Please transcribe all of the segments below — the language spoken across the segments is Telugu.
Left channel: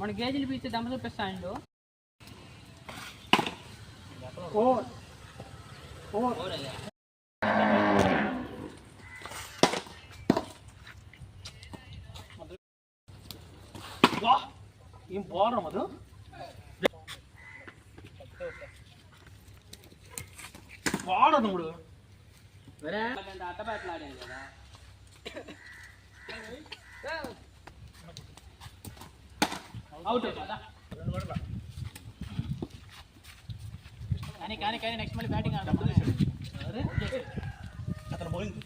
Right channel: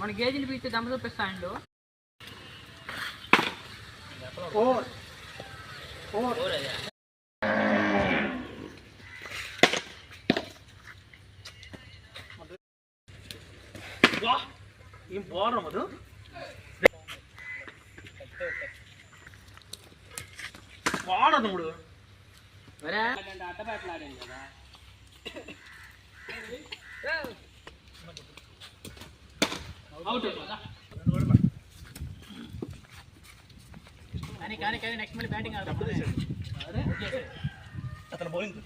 మన గేజీలు పీస్తే దమ్మ చూపిస్తాడు. ఏం పోరా మధు పోరా నువ్వు అట్టబెట్టలాడాను కదా. అవుట్ కానీ నెక్స్ట్ మళ్ళీ బ్యాటింగ్ ఆడతాం. అతను బౌలింగ్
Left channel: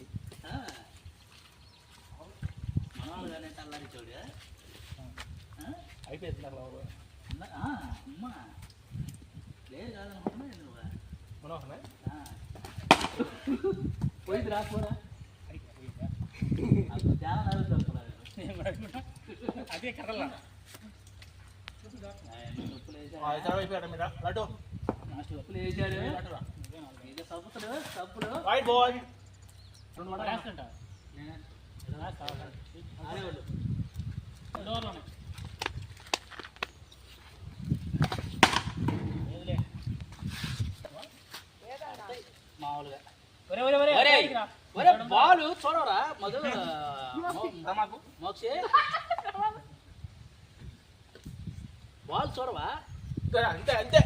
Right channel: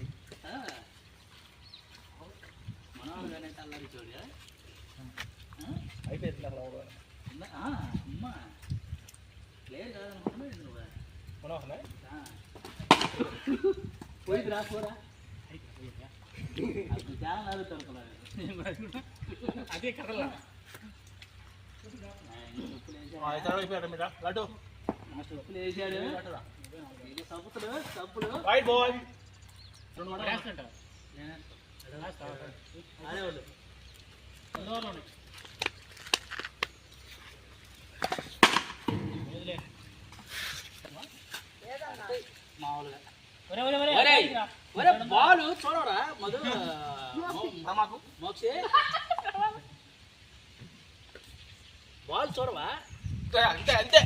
మనవాళ్ళు కానీ అల్లారి చూడు అయిపోయింది లేదు పోయింది రాకపోరా చాలా అడుగుతారు అదే కర్రలా ఉప్పులు వేసాడు సబ్బులు సబ్బులు మామూలుగా బాలు చూడరా మధు మోక్షే బాల్ చూడవా అంతే అంతే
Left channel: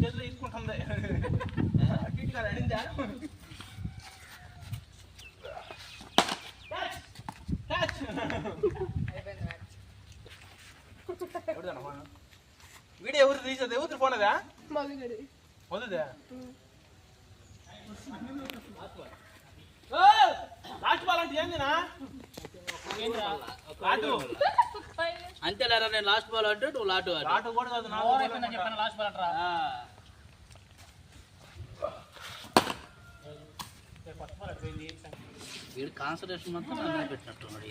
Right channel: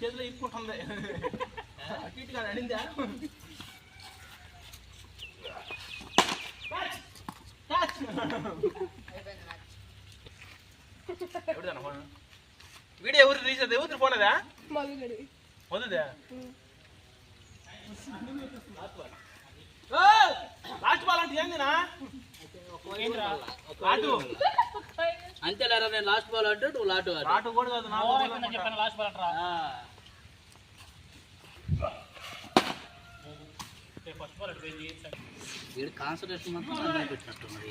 చేతిలో ఇసుకుంటుంది అటు ఇటు కాదు అడిందా వీడియో ఎవరు తీసేది ఎవరు పోనేదా వద్దుదా లాస్ట్ బాల్ అంటే ఏందినా అంతేలేరా నేను లాస్ట్ బాల్ అంటే నువ్వు లాటు లాటు కూడా కాదు చెప్పాను లాస్ట్ బాల్ అంటారా వీడు కాన్సన్ట్రేషన్ మాత్రం అన్నీ పెట్టినట్టున్నాడు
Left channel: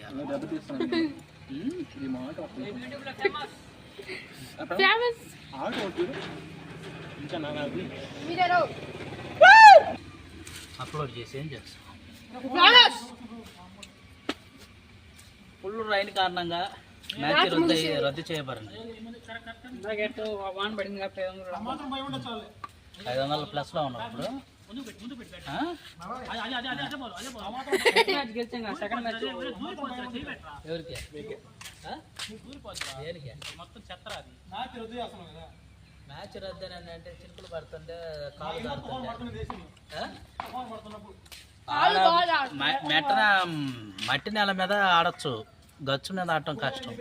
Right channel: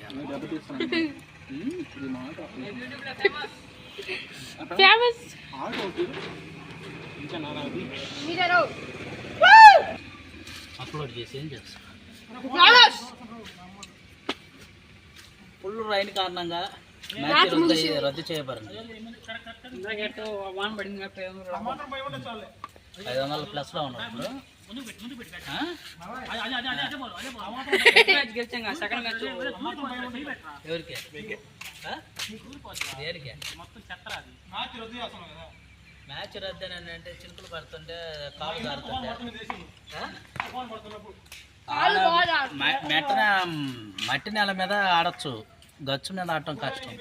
అప్లోడ్ చేసి ఏం చేస్తాను. ఫుల్ రైన్ కారణంగా మ్యాచ్ రద్దు చేయబడింది. 500 ప్లస్ లో ఉన్నారు ఇప్పుడు. సెకండ్ మ్యాచ్ ఎవరికి దేనికి మ్యాచ్ రద్దు అని అంటే చినుకులు పడుతుంటే కాలు కారుతుంటే మట్టి నేల మీద ఆడచ్చు, గచ్చు మీద ఆడటం కష్టం.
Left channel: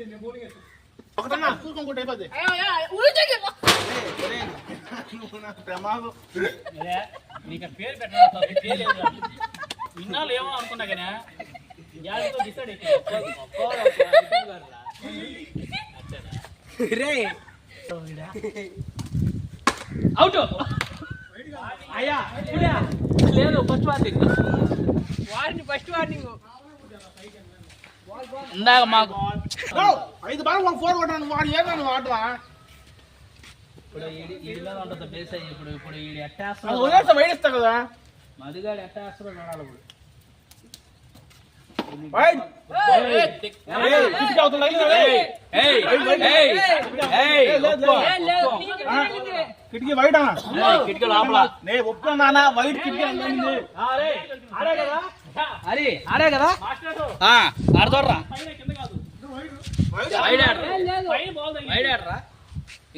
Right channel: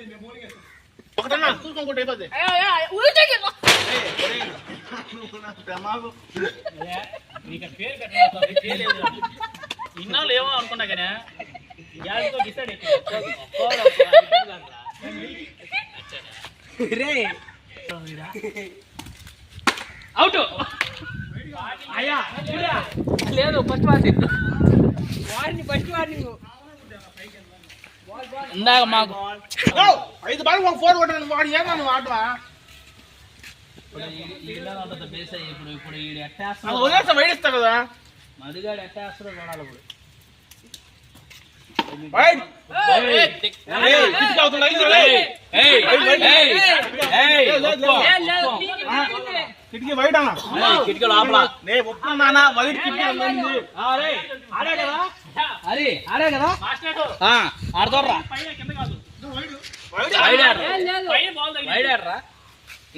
ఇన్నాళ్ళు ఏమో అనుకున్నా కానీ అవుట్ లేదు ఫస్ట్ వార్నింగ్ ఇందాక మాకు 5 బాల్ 4 కొట్టాను వాడు ఏమన్నా వాడు ఇప్పుడు ఉంటుంది బేస్ అయ్యి ఇప్పుడు ఈ ఎట్టేస్తా వైడిస్తా కదా మధుగాడు ఎట్టేస్తాడో చూడాలి. ఇప్పుడు కిటికీ వైడా కిటికీ లోపల ఒప్పుకున్నా వైట్ కిటికీ ఆడే కదా ఆడతారా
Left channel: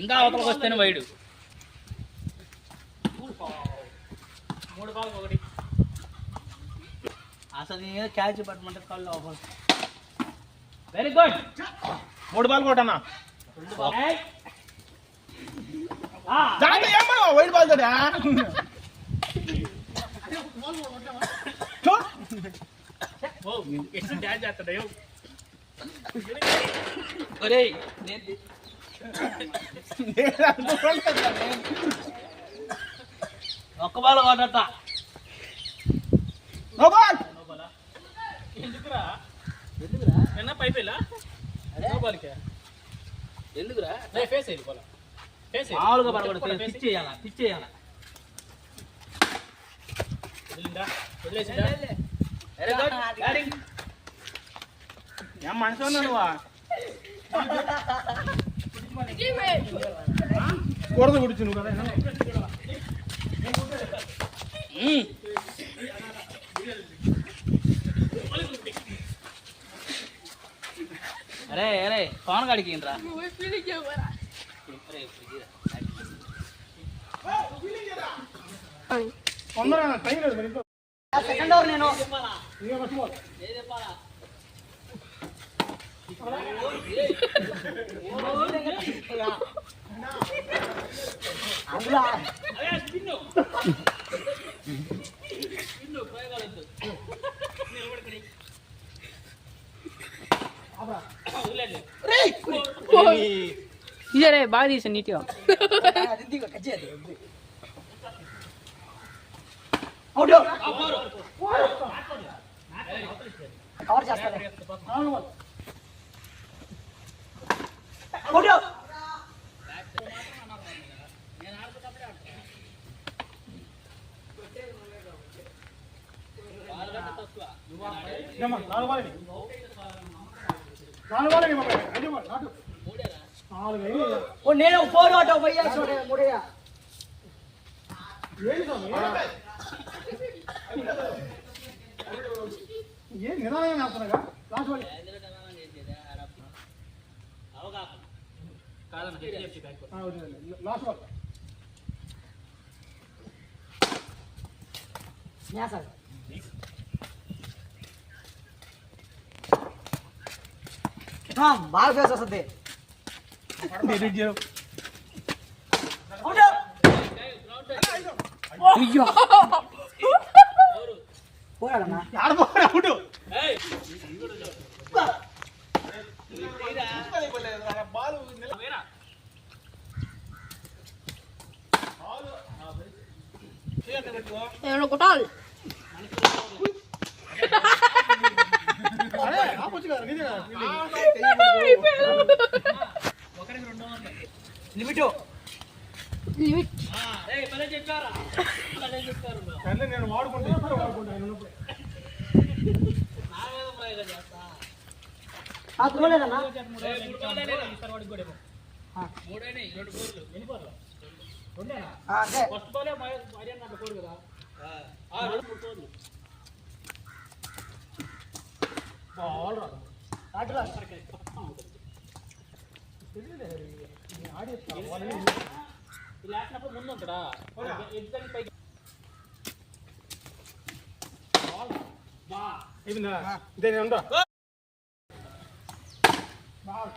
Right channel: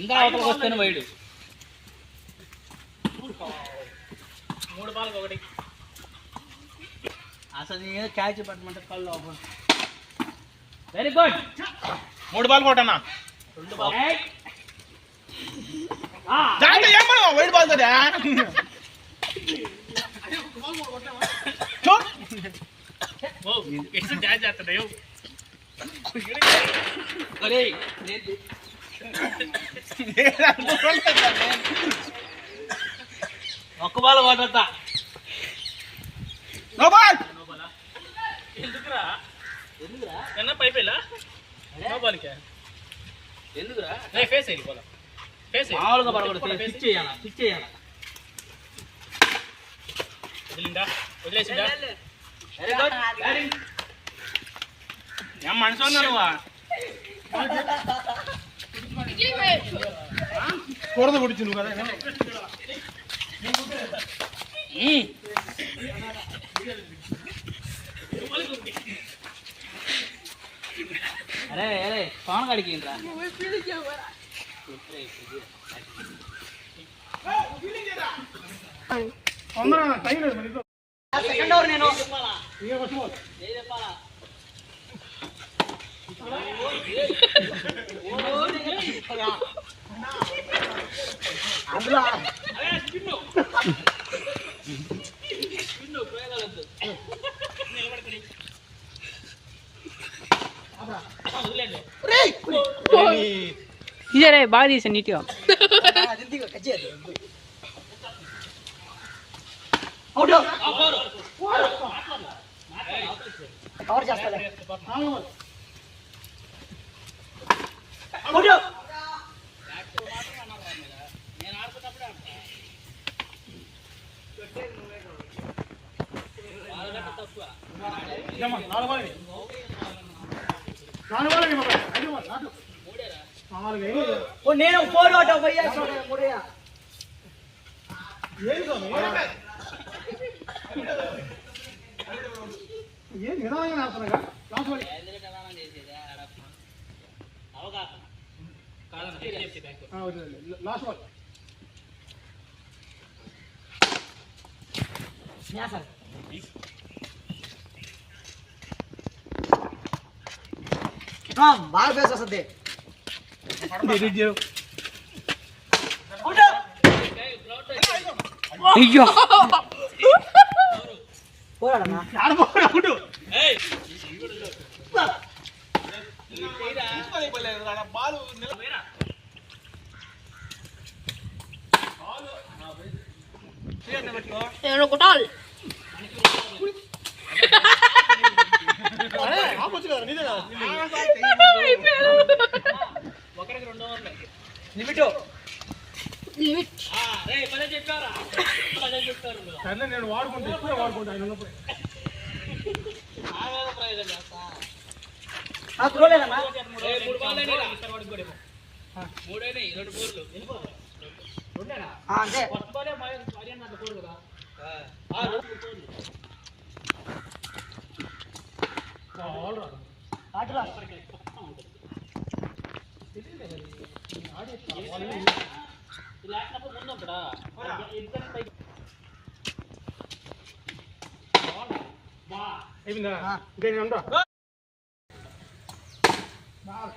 ఇంకా అవతలకు వస్తేనే వైడు. 3 బాల్ 1 అసలు క్యాచ్ పట్టమంటే కళ్ళు ఓపెన్. వెరీ గుడ్ 3 బాల్ కొట్టన్నా వైట్ బాల్ కదా ఒక్క బాల్ కొట్టా పైపెళ్ళా ఎందుకురా ఫేస్ అయ్యి మామూలుగా పడకూడదు, స్టిచ్ చేయాలా, స్టిచ్ చేయాలా. ఏం మనిషి ఉన్నా నువ్వా కూడదు పుడిచి నువ్వు కదా. అరే అరే పవన్ కాడికి రా. సెకండ్ ఓవర్ నేను ఇదే బాగా తీసా నీట్గా. కవర్ చేస్తా. నేను 4 ఆట 3 ఏం నిదానంగా ఆడుతున్నాగా లాస్ట్ బాల్. బాగా ఫేస్ వస్తుంది. అయ్యో పోరాడన్నా నేను కొట్టాలి. లిమిట్ నేను వాడుకుంటా ఇప్పుడే వాడుకుంటా ఆయన ఉన్నప్పుడు. చూడలేదన్నా అంటే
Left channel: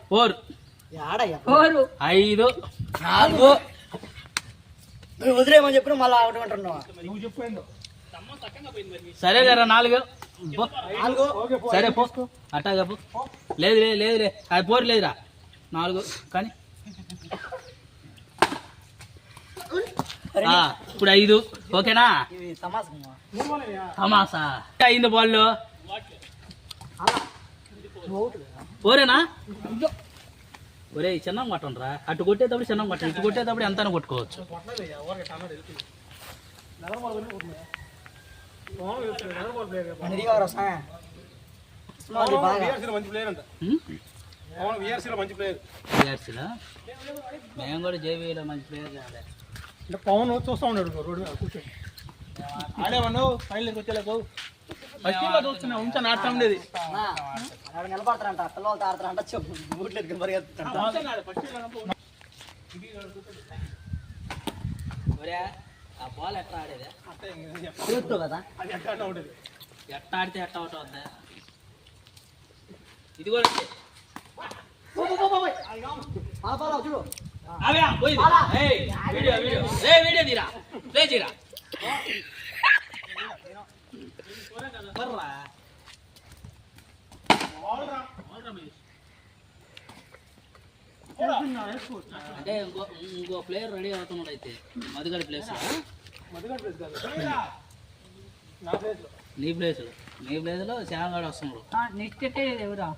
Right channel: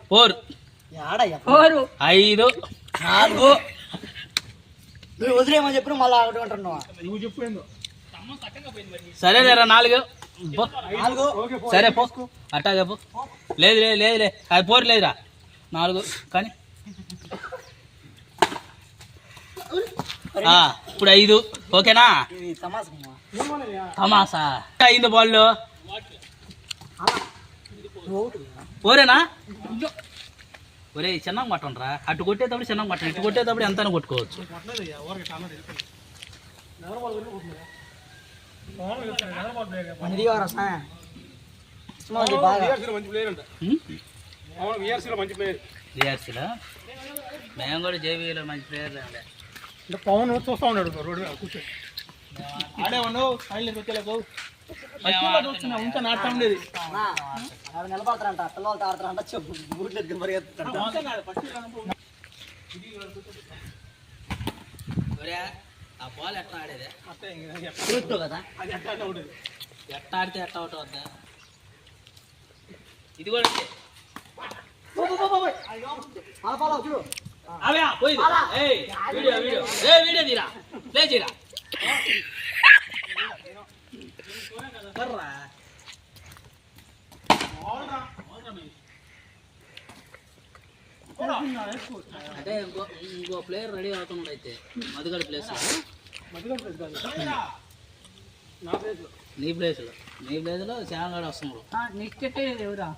ఫోర్ 5 4 నువ్వు వదిలేమని చెప్పిన మళ్ళీ ఒకటి అంటున్నావా? నువ్వు చెప్పు. సరే లేరా 4 సరే పో అట్టాగే పో. లేదు లేదు లేదులే అది పోరు లేదురా 4 కానీ ఇప్పుడు 5 ఓకేనా? తమాసా అయింది బాల్ ఓరేనా? ఒరే చిన్నం కొట్టండిరా. అటు కొట్టేటప్పుడు చిన్నం కొట్టండి, ఇటు కొట్టేటప్పుడు ఎంత కొట్టుకోవచ్చు. మంచి ప్లేయర్ అంట. మంచి ప్లేయర్. మేము కూడా జేబీలో మంచి ప్లేయర్. పవన్ చూస్తా ఉన్నాడు రోడ్డు కూర్చొని ఆడేవాడు ఫైనల్ వచ్చేలాకు ఫస్ట్ చూస్తున్నా ఉంచా నాటం ఉండేది. నిలబడతారంట పిల్లలతో ఆడతారంట బూట్లు పరిగెత్తారంట. ఆ బాల్ ఎట్లా ఆడేదే కదా ఎట్లా ఆడితే ఎట్లా అవుట్ అవుద్దా? ఇది కూడా చూడు వీడియో తీరా ప్లే చేయరా. అంటే ఇంకో ప్లేయర్ రెడీ అవుతున్నాడు అయితే మధుగడి ప్లేస్. నీ ప్లేస్లో శ్యామగాడు వస్తున్నాడు. నెక్స్ట్ ఎవరా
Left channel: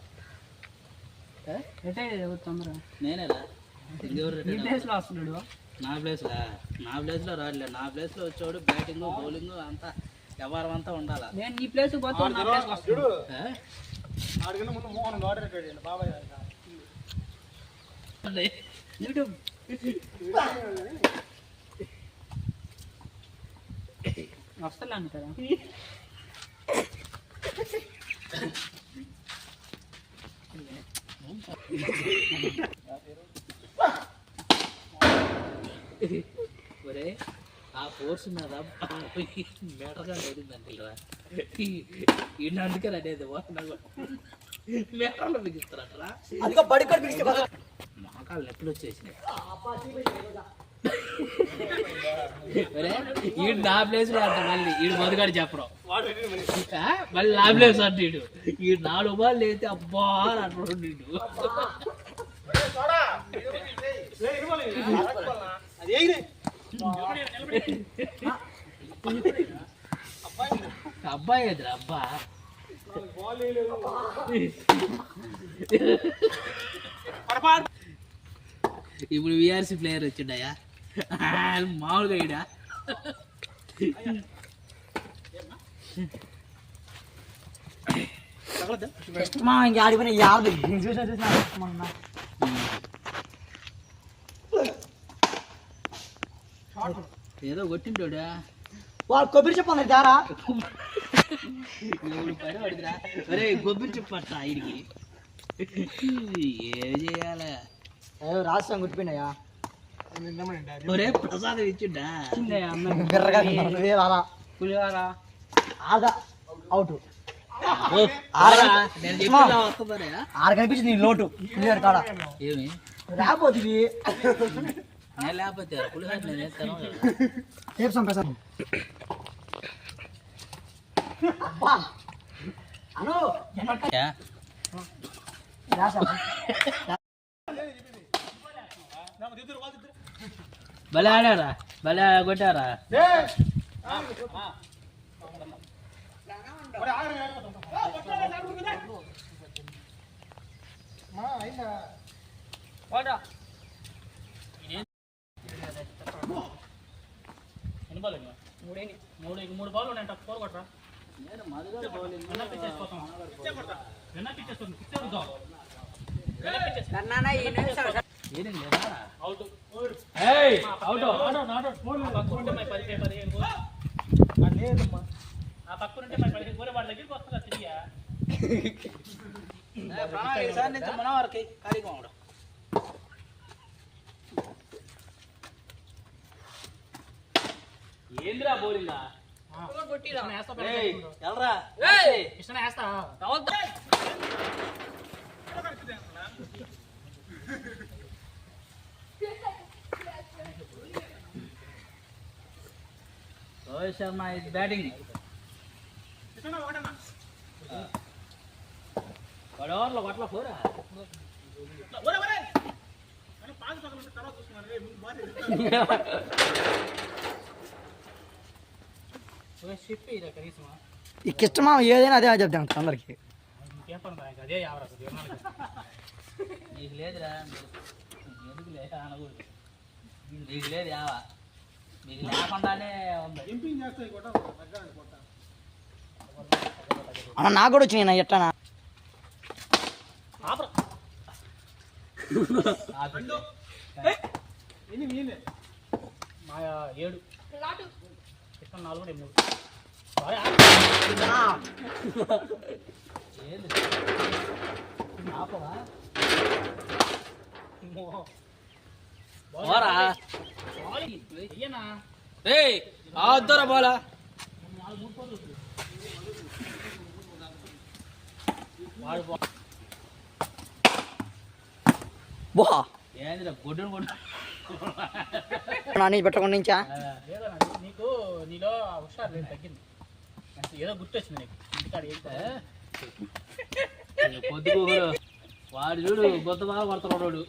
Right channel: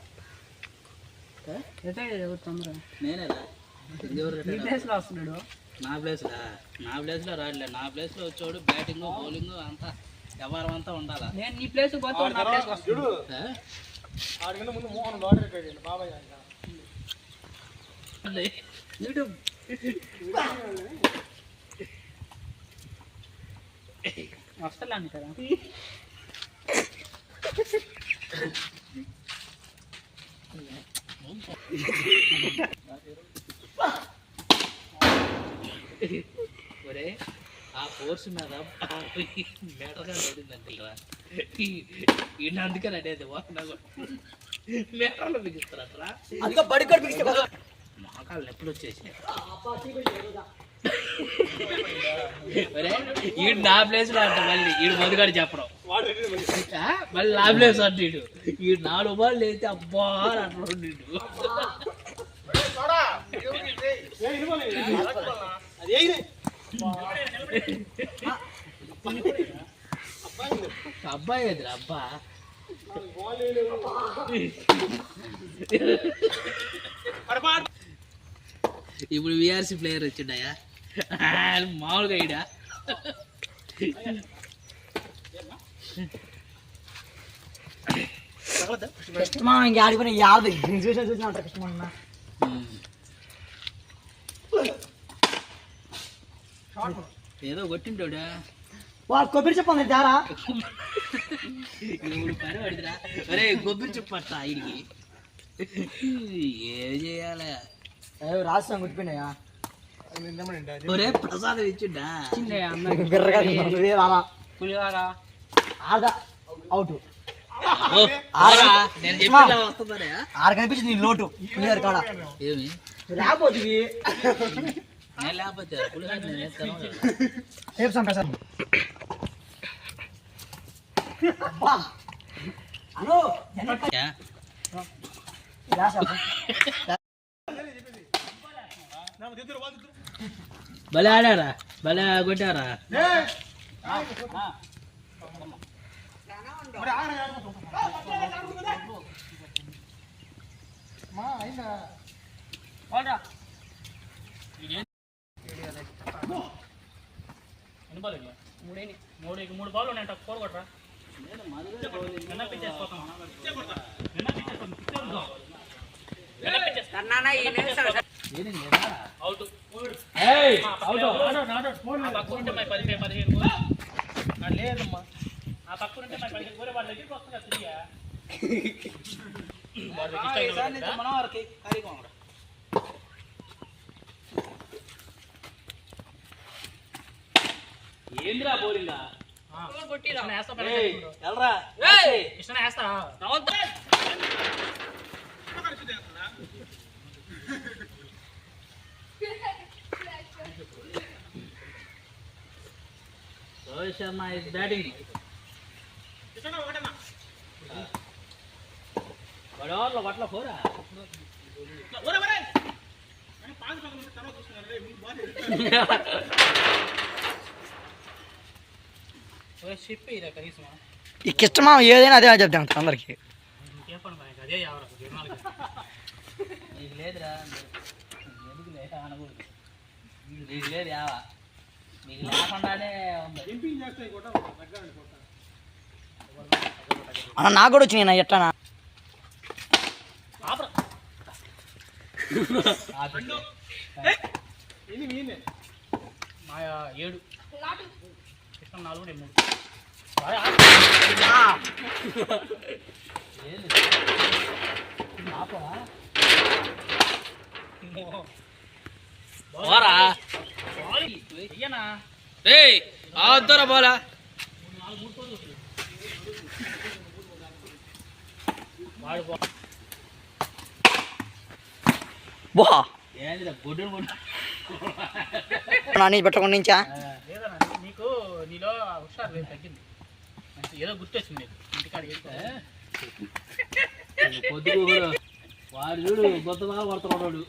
ఎవరు తొందరగా నేనేరా వస్తున్నాడు నా ప్లేస్లో రాడలే. నా ప్లేస్లో వచ్చాడు బ్యాటింగ్ బౌలింగ్ అంతా వ్యవహారం అంతా ఉండాలా. నేను నీ ప్లేస్ పోతే చూడు ఆ? ఆడికంటే ముందు మోహన్ వాడరేటాడు బాబాయ్ వస్తలే అంటారా ఒరే ఆ ఫోర్స్ మీద మేటగా పడిందంటే ఈయన అందుకే అనేది మేటలో బిగిస్తారా. అందుకో బడి కూడా పిలిస్తే మోకాలు నొప్పులు వచ్చేసినాయి. ఒరే ఈడు నా ప్లేస్లో అంట మళ్ళీ ఈడు మొదలుగాడు చెప్పడం మళ్ళీ నా ప్లేస్ అంటే ఈ 4 బాల్ అయితే అబ్బా అంటాడు నీడు. అబ్బాయి ఎదురు అబ్బా ఇప్పుడు విఆర్సి ప్లేయర్ వచ్చిండయా మామూలుగా ఈడా మా ఇంక ఆడిపోయిన 50 చూసిన ఏదో కొట్టింటాడా వాళ్ళు కొబ్బరి చెప్పండి జారా ఇప్పుడు పని పడిదిరా. ఒరే కొబ్బరి చెప్పట్ట ఆయనకి ఏం చేయాలి. రాష్ట్రం గుర్తుపోయినాయా ఒరే ప్రసాదం ఇచ్చిండా బిర్రగా నువ్వే మామ పులివారా ఆగా అవుట్ నేను చెప్పి వస్తుందరే. 6 కనిపించింది నీ లోటు పులిహార కాడ ఏమి లేకపోతే నేను లేకపోతే పులిహార నేను వేస్తాను రేపు సంప్రసాదం అను భలే ఆడారా భలే కొట్టారా. మూడు బాల్ ఉన్నాయి ఫోర్ కొట్టరా లేదమ్మా ఆ పక్కన వాళ్ళ దగ్గరికి వస్తుందా తిరిగా మన వారికి కార్యక్రమం ఏంద్రా బోలిందా ఎల్రా ఇష్టం వేస్తా రోహిత్ శర్మ ఇస్ బ్యాటింగ్. గడవర్లో పట్ల పోరా ఇష్టమా ఏదైనా అదే చెప్తాను అందరికి అదే నీకు లేదురా ఎందుకు లేదా అనకూడదు. నీకు లేదు యావా నీకు లేకుండానే ఉంది. అన్న నాకు కూడా వచ్చినాయి నా ఎట్లనా మా 7 ఇష్టం 4 3 ఆపవా అయ్యనా ఆద్దరా బోలా బో ఏంద్రా బొడ్డును కొట్టు నీ పెట్టకుండా నుంచా లేదన్నా నీకు నీలో హుషారు లేదు తగ్గింది ఏదో గుర్తొచ్చింది నీకు ఇంటికాడ పొద్దుకు వాడు చూడు కొత్త బాగా కొడుతున్నాడు.